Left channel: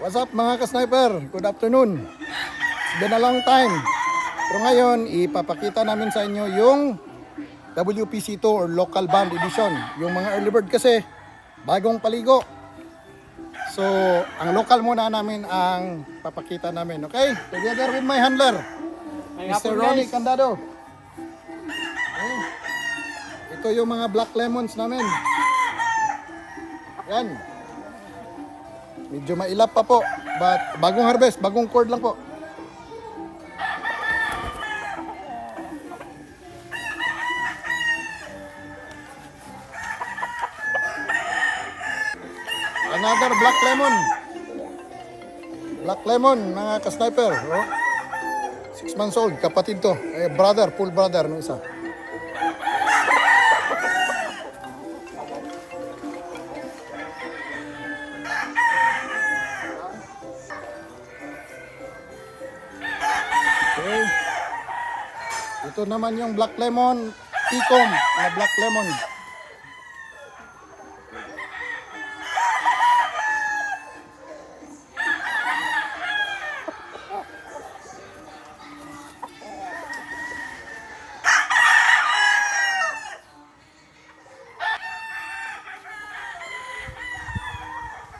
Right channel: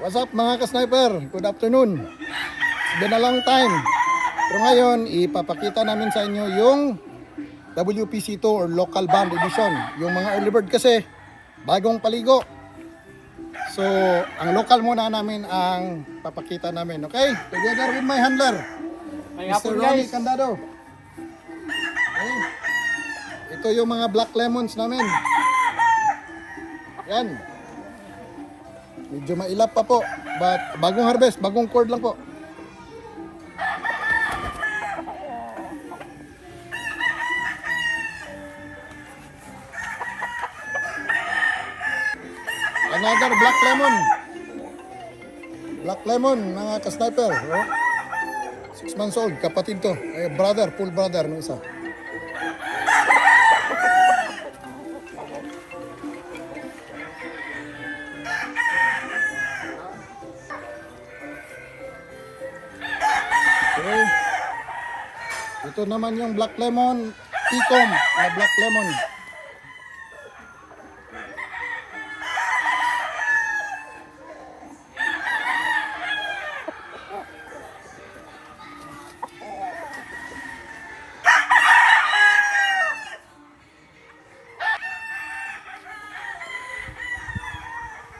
What's up mga ka-sniper? Good afternoon. It's been a long time. Pero ngayon, ipapakita namin sa inyo yung WPC2 or Local Band Edition. Yung mga early bird kasi, bagong paligo. So, ang local muna namin ang papakita namin. Okay? Together with my handler, Mr. Ronnie Candado. Okay. Ito yung mga black lemons namin. Yan. Medyo mailap pa po. But bagong harvest, bagong cord lang po. Another black lemon. Black lemon, mga ka-sniper. Oh. 6 months old, kapatid to. Brother, full brother ng isa. Okay. Ito naman yung black lemon, Picom na black lemon.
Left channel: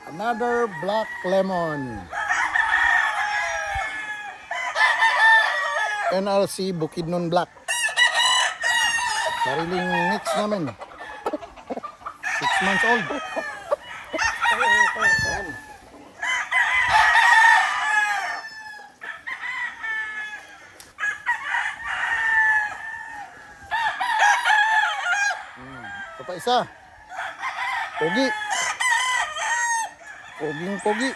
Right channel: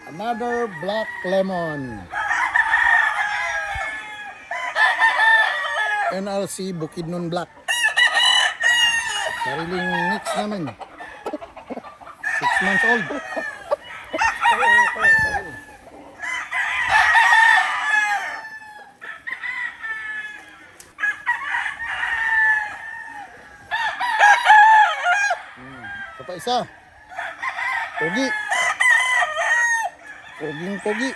Another black lemon. NRC Bukidnon Black. Sariling mix namin. 6 months old. Ito pa isa. Pogi. Poging pogi.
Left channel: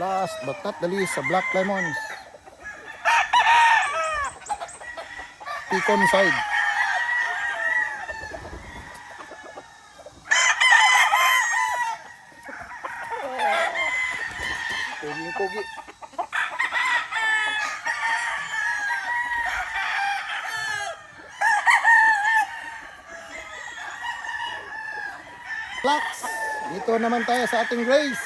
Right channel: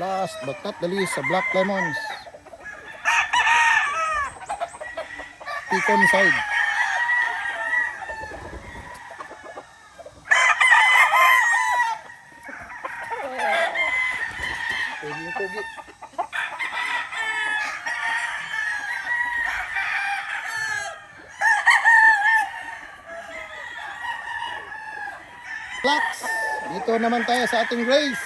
Last but not the least, sa black lemons. Picon side. Pogi. Blacks. Dito naman tayo sa ating Grace.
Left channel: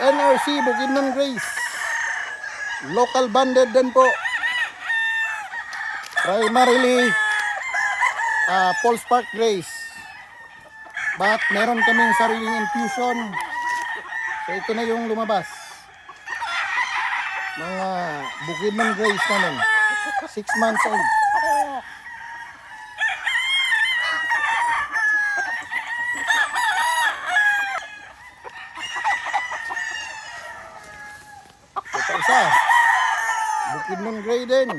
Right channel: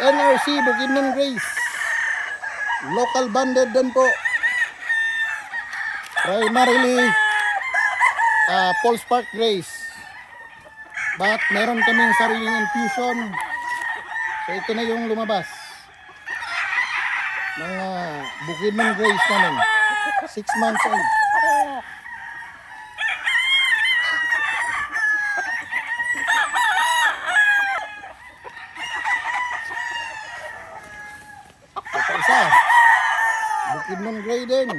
NRC Bukidnon Grace. Local banded din po. Primarily Paul Spark Grace. But meron kaming sariling infusion. So ito na yung lumabas. Mga Bukidnon Grace namin. 6 months old. Ito isa. Bukidnon Gray din.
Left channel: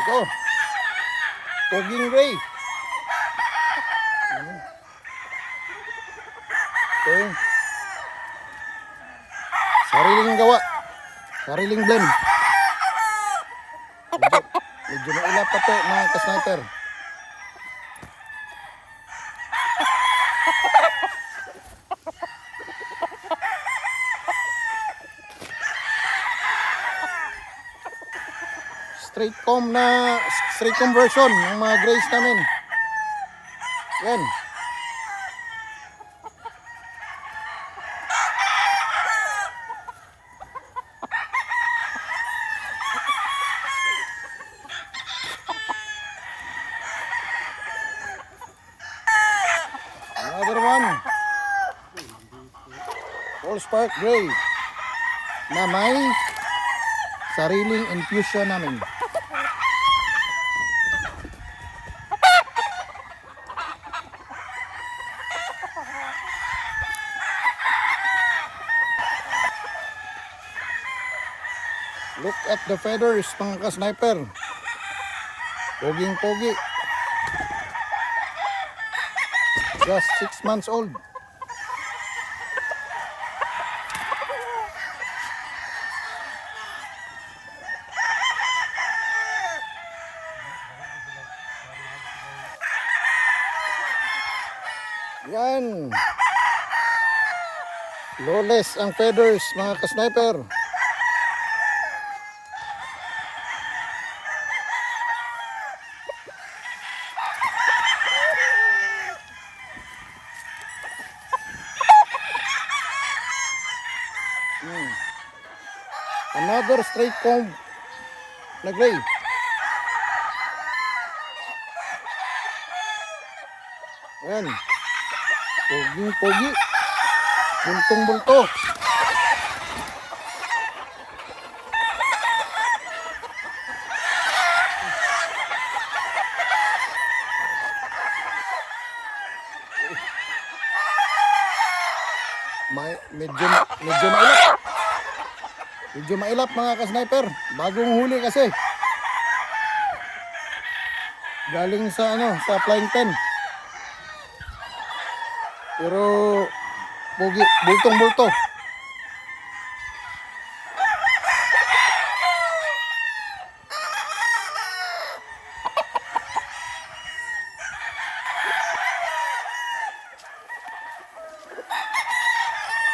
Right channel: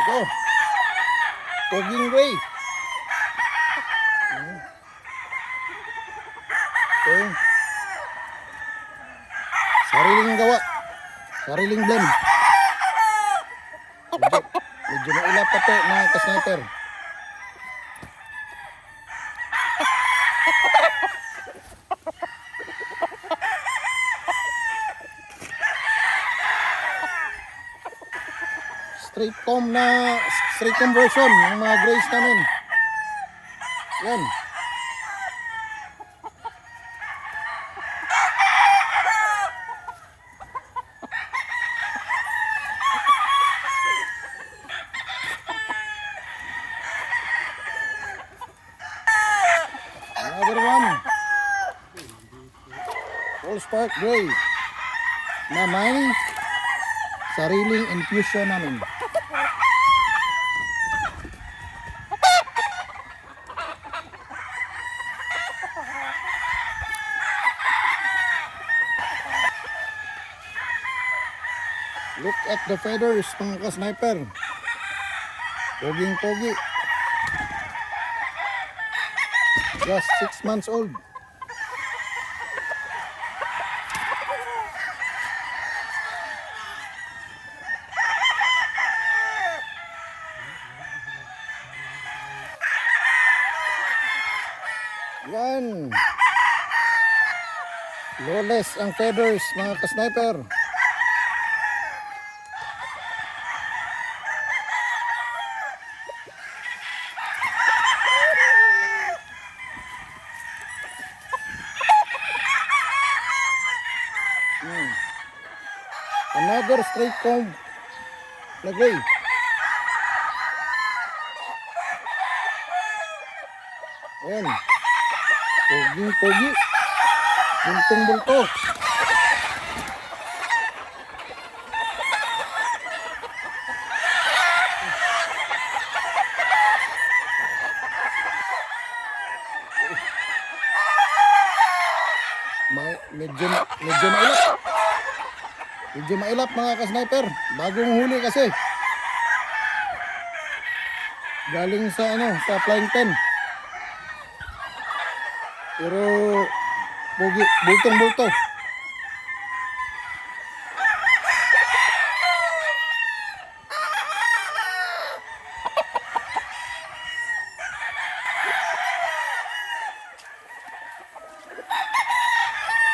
Ito. Poging Gray. Okay. Sariling gawa. Sariling blend. Medyo mailap pa to mga ka-sniper. Straight comb version ng mga grays namin. Yan. Another one. Paul Spark Gray na may sariling infusion namin. Look at the feathers, mga ka-sniper. Poging-pogi. Just 6 months old. Yan. Lawless ang feathers mga ka-sniper. Another straight comb na gray. Ayan. Poging-pogi. Bultong-bulto. Medyo mailap. Medyo mailap mga ka-sniper. Bagong huli kasi. Galing sa sa flying pen. Pero pogi, bultong-bulto.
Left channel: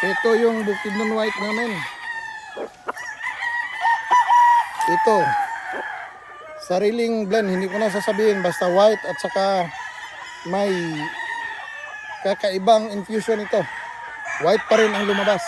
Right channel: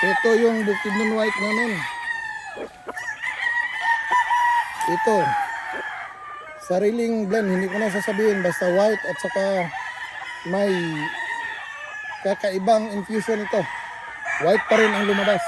Ito yung Bukidnon White namin. Ito. Sariling blend, hindi ko na sasabihin, basta white at saka may kakaibang infusion ito. White pa rin ang lumabas.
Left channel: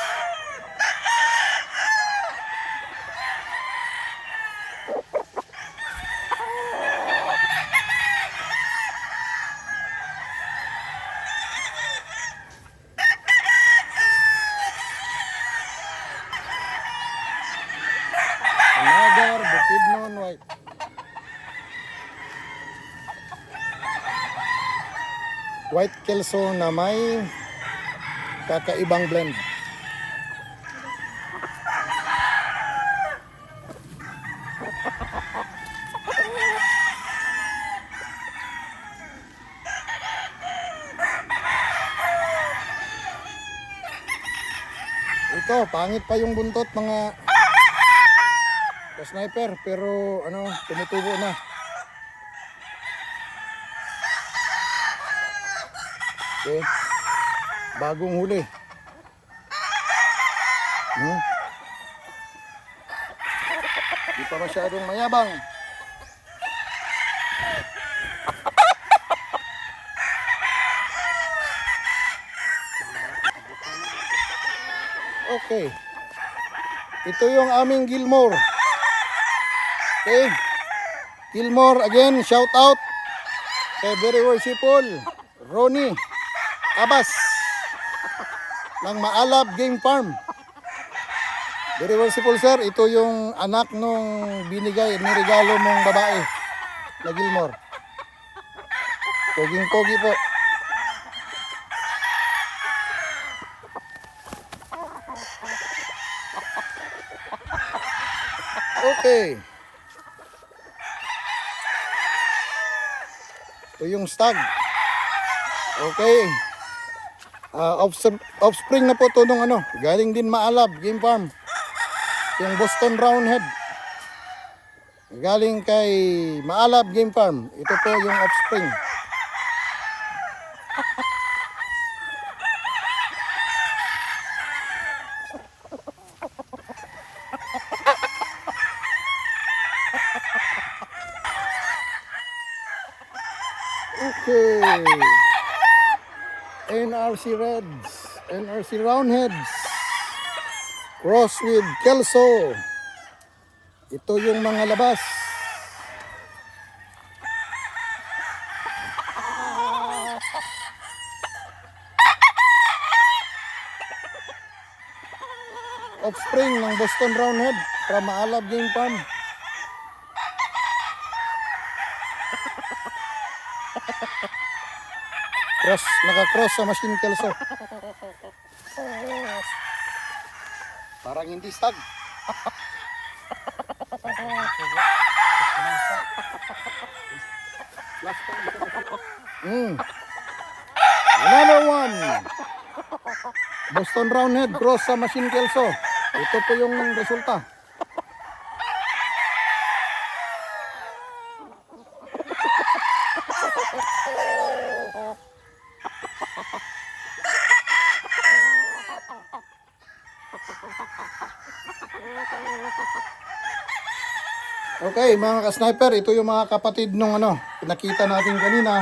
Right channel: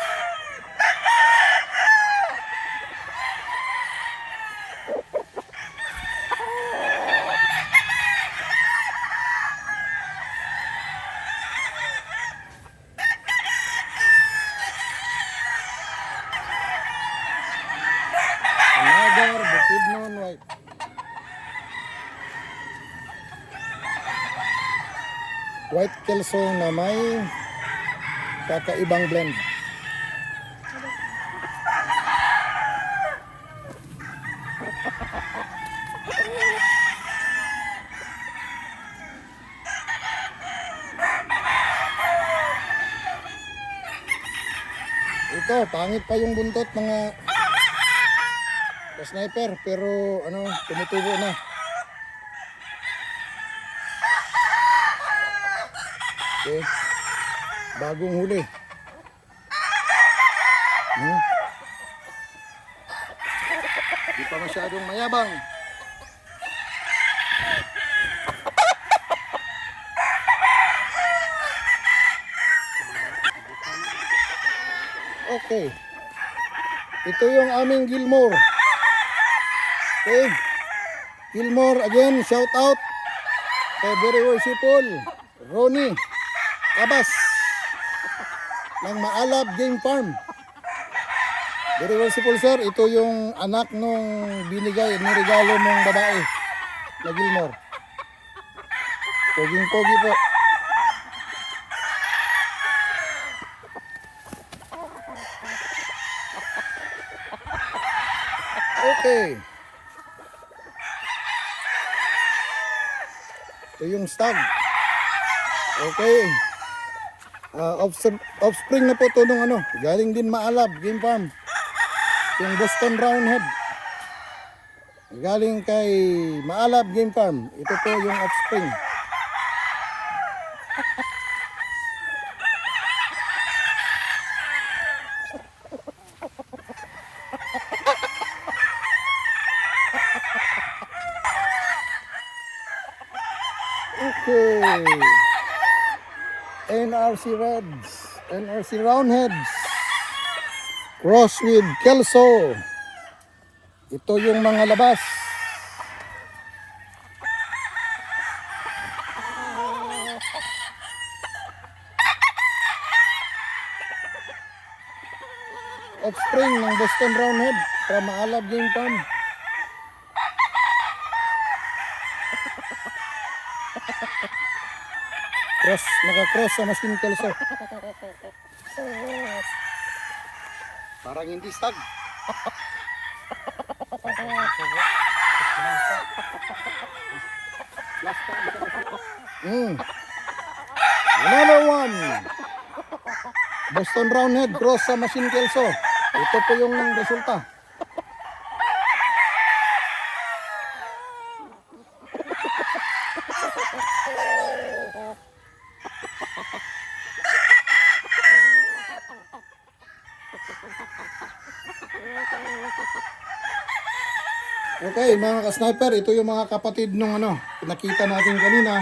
Another Bukidnon White. White Kelso na may kakaibang blend. Ito, pangit pa yung buntot mga ka-sniper, pero tumutubo na. Okay. Bagong huli. Di pa masyadong mayabang. Okay. Ito yung aming Gilmore. Okay. Gilmore again, shout out kay very worshipful Ronnie Abas ng Maalab Game Farm. Very worshipful sir, ito yung anak nung binigay, niregalo mong babae na Gilmore. Poging-pogi po. Okay. Ito yung stag. Okay. Offspring na po ito nung galing din Maalab Game Farm. Yung Boston Roundhead. Galing kay Maalab Game Farm. Ito po yung offspring. Okay. NRC Reds, NRC Roundheads, cross with Kelso. Ito yung mga labas. Offspring ng Boston Roundhead from Maalab Game Farm. Naka-cross sa machine Kelso. Parang hindi stag. Another one. Boston Roundhead cross sa Machine Kelso. Ito po yung resulta. Okay, mga ka-sniper, ito yung mga kapatid nung nakita natin kanina.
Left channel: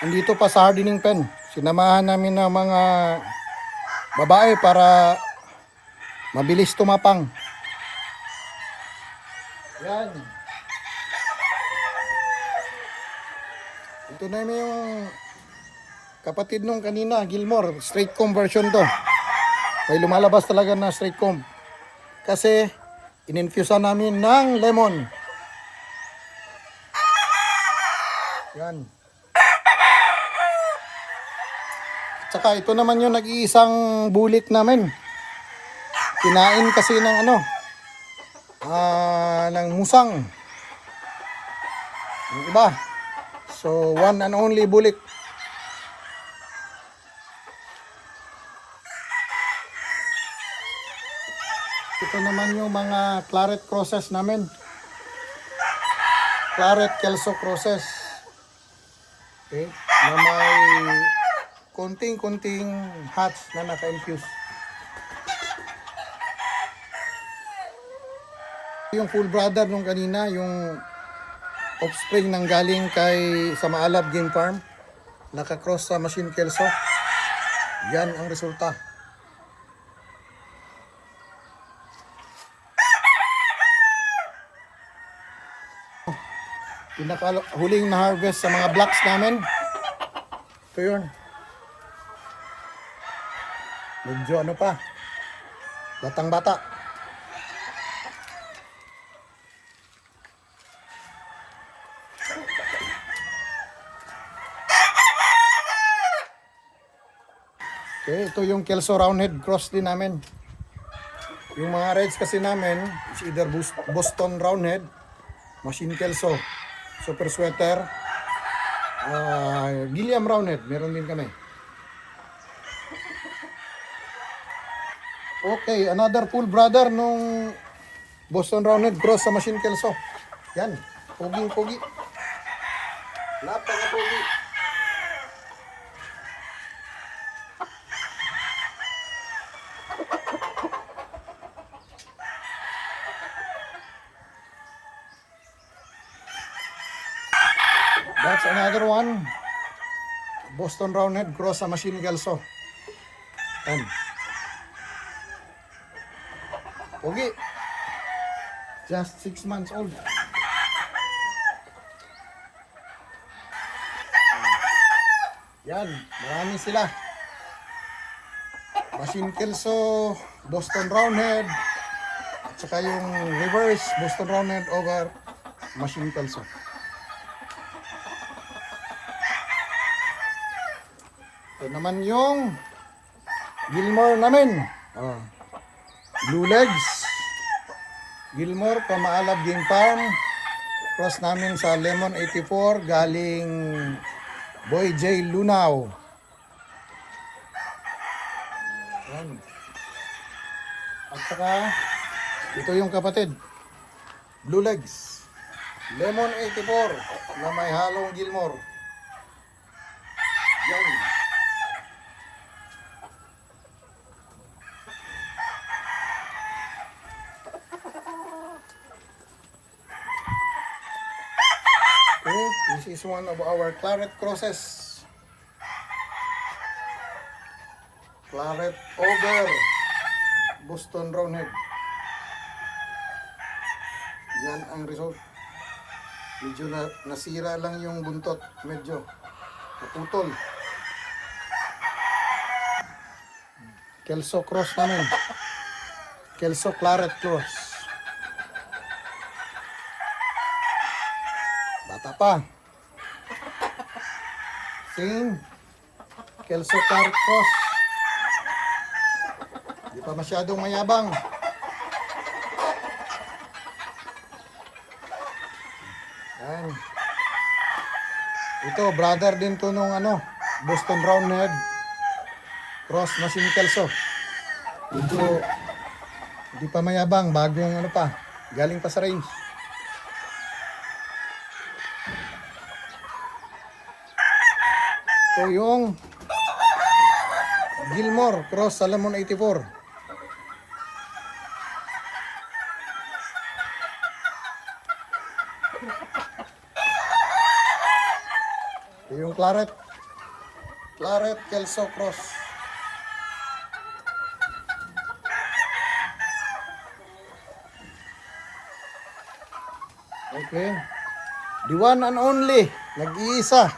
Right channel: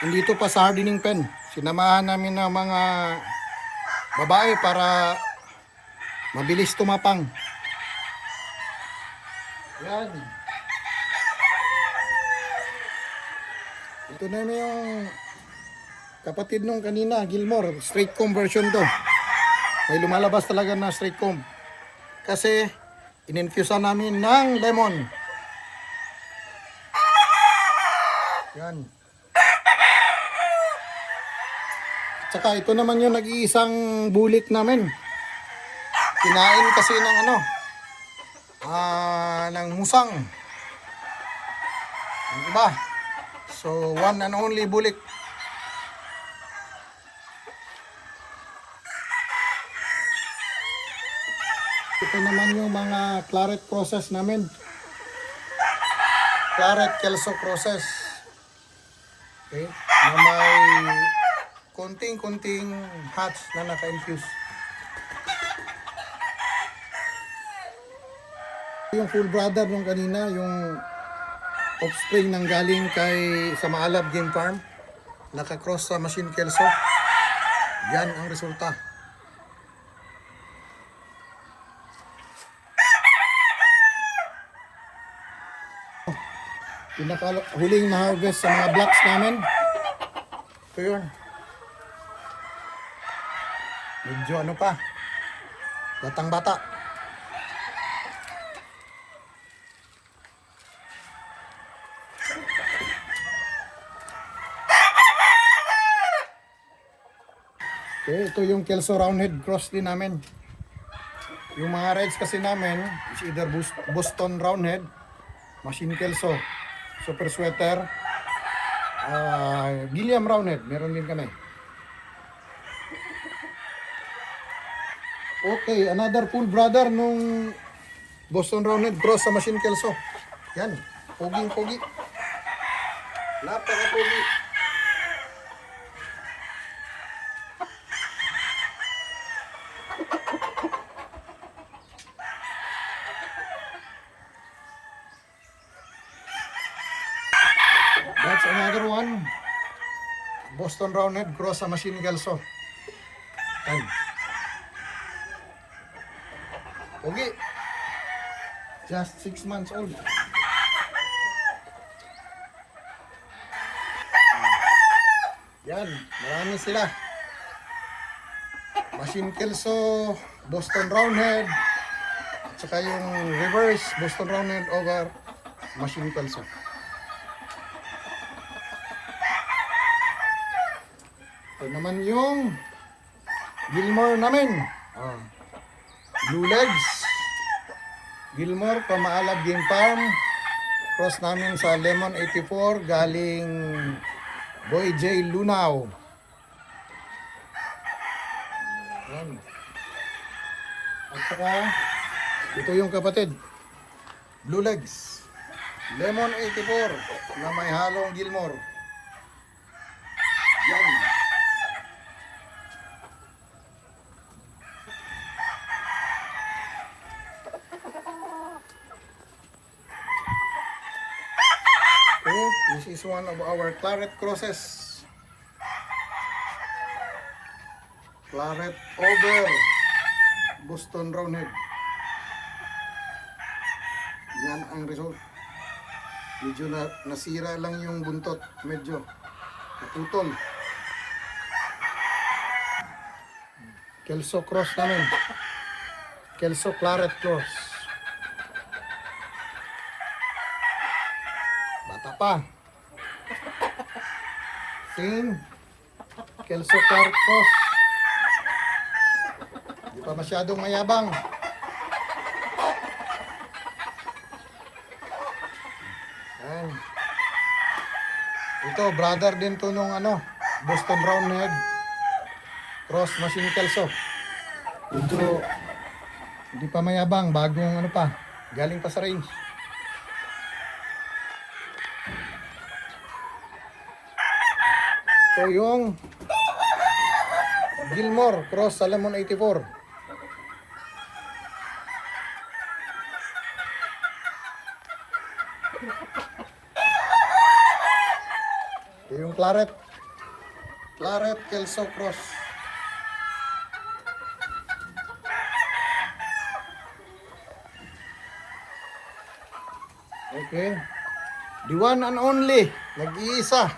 Andito pa sa hardening pen. Sinamahan namin ng mga babae para mabilis tumapang. Yan. Ito na yung kapatid nung kanina, Gilmore. Straight comb version to. May lumalabas talaga na straight comb. Kasi in-infusean namin ng lemon. Yan. Tsaka ito naman yung nag-iisang bulik namin. Kinain kasi ng ng musang. Ang iba. So, one and only bulik. Ito naman yung mga claret crosses namin. Claret Kelso crosses. Okay. Na may konting-konting hatch na naka-infuse. Yung full brother nung kanina, yung offspring ng galing kay sa Maalab Game Farm, naka-cross sa Machine Kelso. Yan ang resulta. Pinakahuling na harvest sa mga blocks namin. Ito yun. Medyo pa. Batang bata. Okay, ito yung Kelso Roundhead cross din namin. Yung mga rides kasi namin is either Boston Roundhead, Machine Kelso, Super Sweater, Gilliam Roundhead, meron din kami. Okay, another full brother nung Boston Roundhead cross sa Machine Kelso. Yan, pogi. Napaka-pogi. That's another one. Boston Roundhead cross sa Machine Kelso. Pogi. Just 6 months old. Yan, marami sila. Machine Kelso, Boston Roundhead, at saka yung reverse Boston Roundhead over Machine Kelso. Ito naman yung Gilmore namin. Blue Legs. Gilmore, Maalab Game Farm. Cross namin sa Lemon 84 galing Boy J. Lunaw. Yan. At saka ito yung kapatid. Blue Legs. Lemon 84 na may halong Gilmore. Yan. Okay, this is one of our claret crosses. Claret over Boston Roundhead. Yan ang result. Medyo nasira lang yung buntot. Medyo naputol. Kelso cross namin. Kelso claret cross. Bata pa. Same. Kelso claret cross. Di pa masyadong mayabang. Ayan. Ito, brother din to nung Boston Roundhead Cross Machine Kelso. Ito, hindi pa mayabang, bagong ano pa, galing pa sa range. Ito yung Gilmore Cross Salomon 84. Ito yung Claret Kelso Cross. Okay. The one and only, nag-iisa,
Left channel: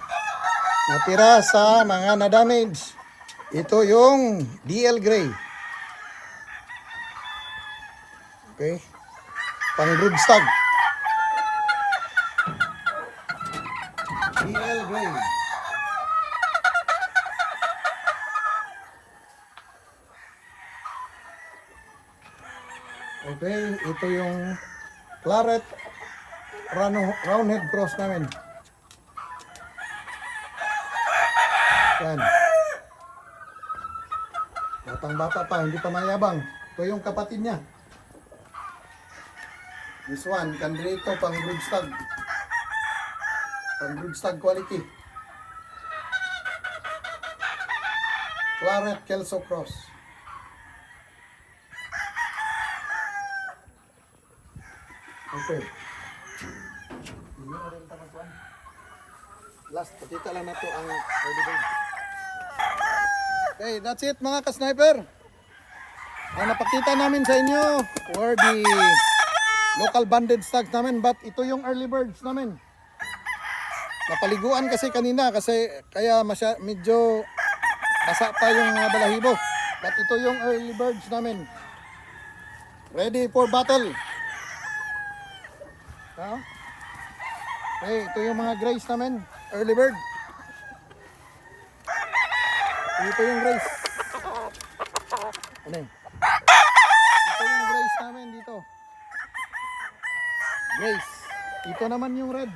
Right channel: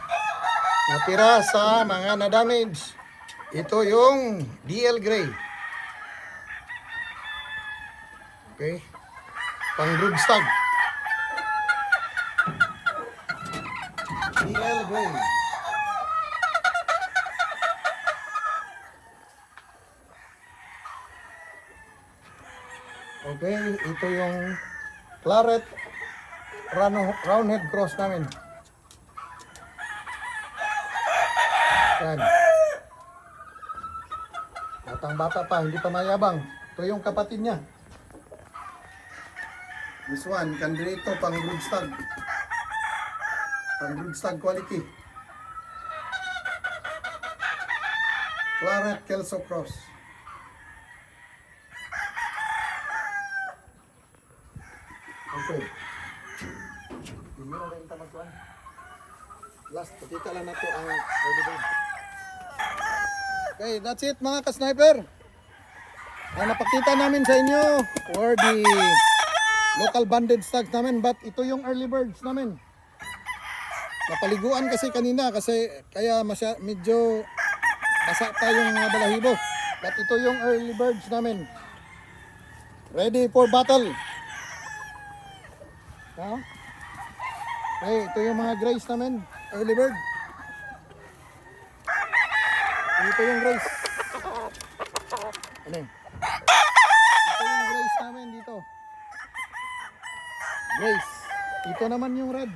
natira sa mga na-damage. Ito yung DL Gray. Okay. Pang broodstag. DL Gray. Okay, ito yung Claret Roundhead Cross namin. Yan. Batang bata pa, hindi pa mayabang. Ito yung kapatid niya. This one, kandidato pang broodstag. Pang broodstag quality. Claret Kelso Cross. Okay. Last, pakita lang na to ang early bird. Okay, that's it mga ka-sniper. Ang napakita namin sa inyo were the local banded stags namin, but ito yung early birds namin. Napaliguan kasi kanina kasi kaya medyo basa pa yung mga balahibo. But ito yung early birds namin. Ready for battle. Okay, ito yung mga grays namin, early bird. Ito yung grays. Ano? Ito yung grays namin dito. Grays. Ito naman yung red.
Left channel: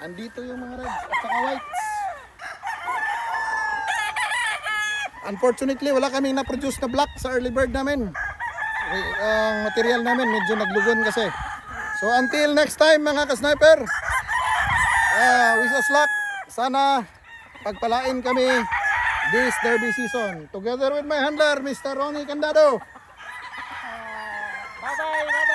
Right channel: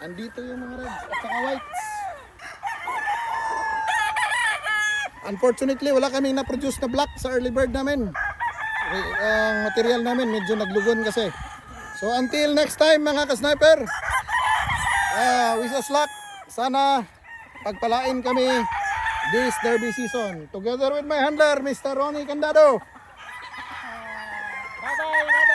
Andito yung mga red at saka whites. Unfortunately, wala kaming na-produce na black sa early bird namin. Ang material namin medyo naglugon kasi. So until next time mga ka-sniper, wish us luck. Sana pagpalain kami this derby season. Together with my handler, Mr. Ronnie Candado. Bye-bye.